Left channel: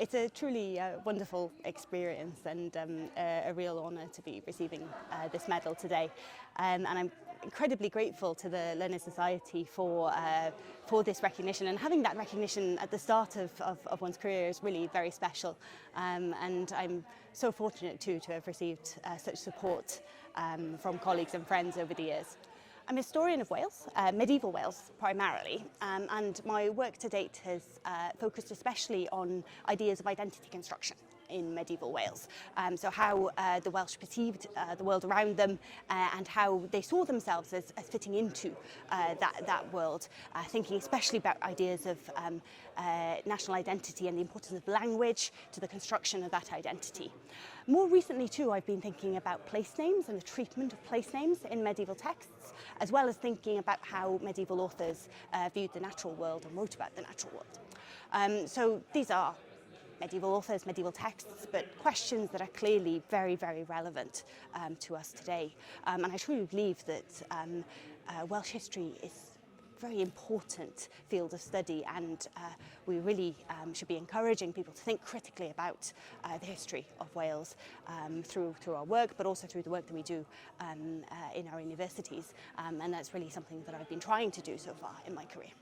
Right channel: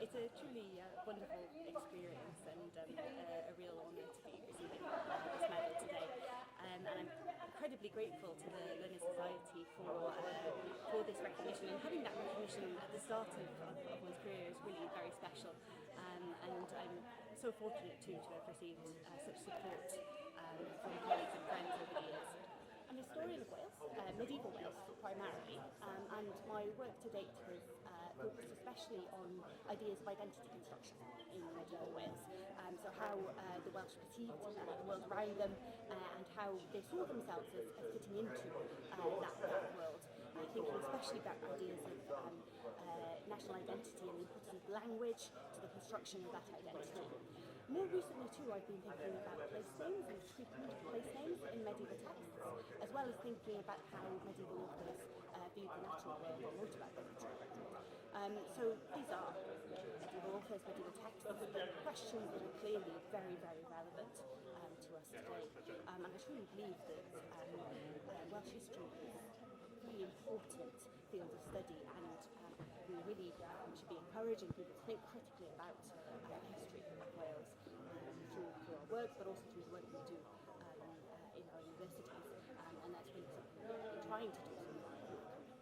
It's a truly wonderful experience and a real honour to be receiving this medal today. And I'm incredibly grateful to the Learner Society for this recognition, and having that recognition at the start of one's career is really very special. And I'm so fortunate too to have received such support from colleagues and friends over the years. I'm a historian of Wales, medieval Wales primarily, and my work to date has focused especially on ideas of identity construction in medieval Wales. So how the Welsh perceived the world around them and how they saw themselves as fitting into that world, thinking especially about ideas of national identity and the importance of language to the construction of that identity. More recently too, I've been thinking about place names and the treatment of place names in medieval texts, as well as thinking about how medieval authors viewed the natural world and wrote about the natural world. So these are medieval authors, medieval texts, but questions that are clearly very, very relevant to us today. And I truly believe that Welsh history is a very important field of study, and we really should be encouraging people to think critically about the history of Wales through our work, but also through the work that we do in our universities. And that's really something that I've been trying to do so far in my career.